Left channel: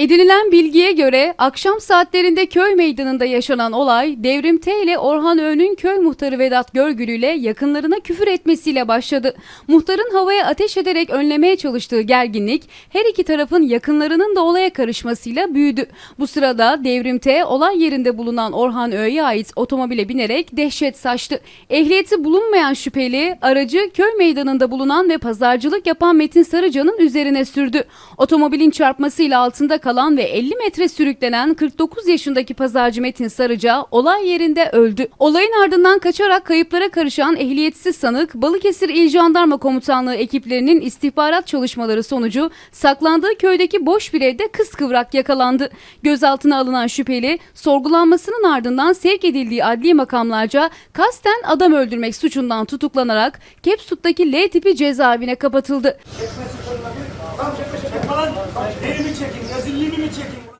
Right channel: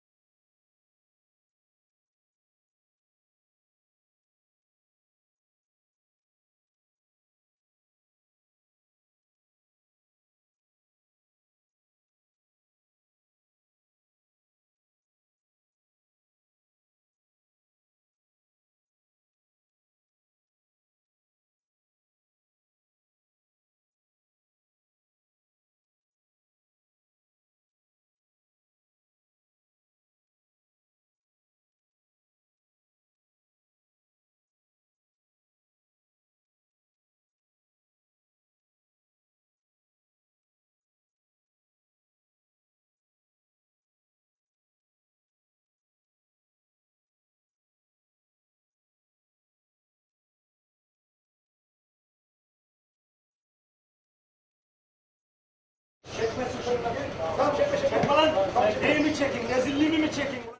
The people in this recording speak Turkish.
Edinilen bilgiye göre akşam saatlerinde köy meydanında yaşanan olay Devrim T ile Orhan Öğün'ün köy muhtarı Vedat Görgülü ile yakınlarına küfür etmesiyle başladı. Muhtarın havaya ateş ederek önlemeye çalıştığı gerginlik her iki tarafın yakınlarının da olaya karışmasıyla büyüdü. Bu sırada Devrim T olay yerinde bulunan Orhan Öğü'ye ait otomobile binerek dehşet saçtı. Ehliyeti bulunmayan şüpheli aracı köy meydanında bulunan ve pazarcılık yapan Metin Sarıcan'ın üzerine sürdü. Otomobilin çarpmasıyla altında kalan ve 50 metre sürüklenen 49 yaşındaki pazarcı Metin Sarıca olay yerinde öldü. Olayın ardından kaçarak kayıplara karışan ehliyetsiz sanık Balıkesir İl Jandarma Komutanlığı ekiplerinin istihbarat çalışmaları sonucu saklandığı köydeki boş bir evde kıskıvrak yakalandı. Gözaltına alınan şüpheli sorgulanmasının ardından sevk edildiği adli makamlarca kasten adam öldürmek suçundan tutuklanarak Kepsut'taki L tipi cezaevine kapatıldı. Lan tepede falan elimi çekin, hazırlığını mı çekin?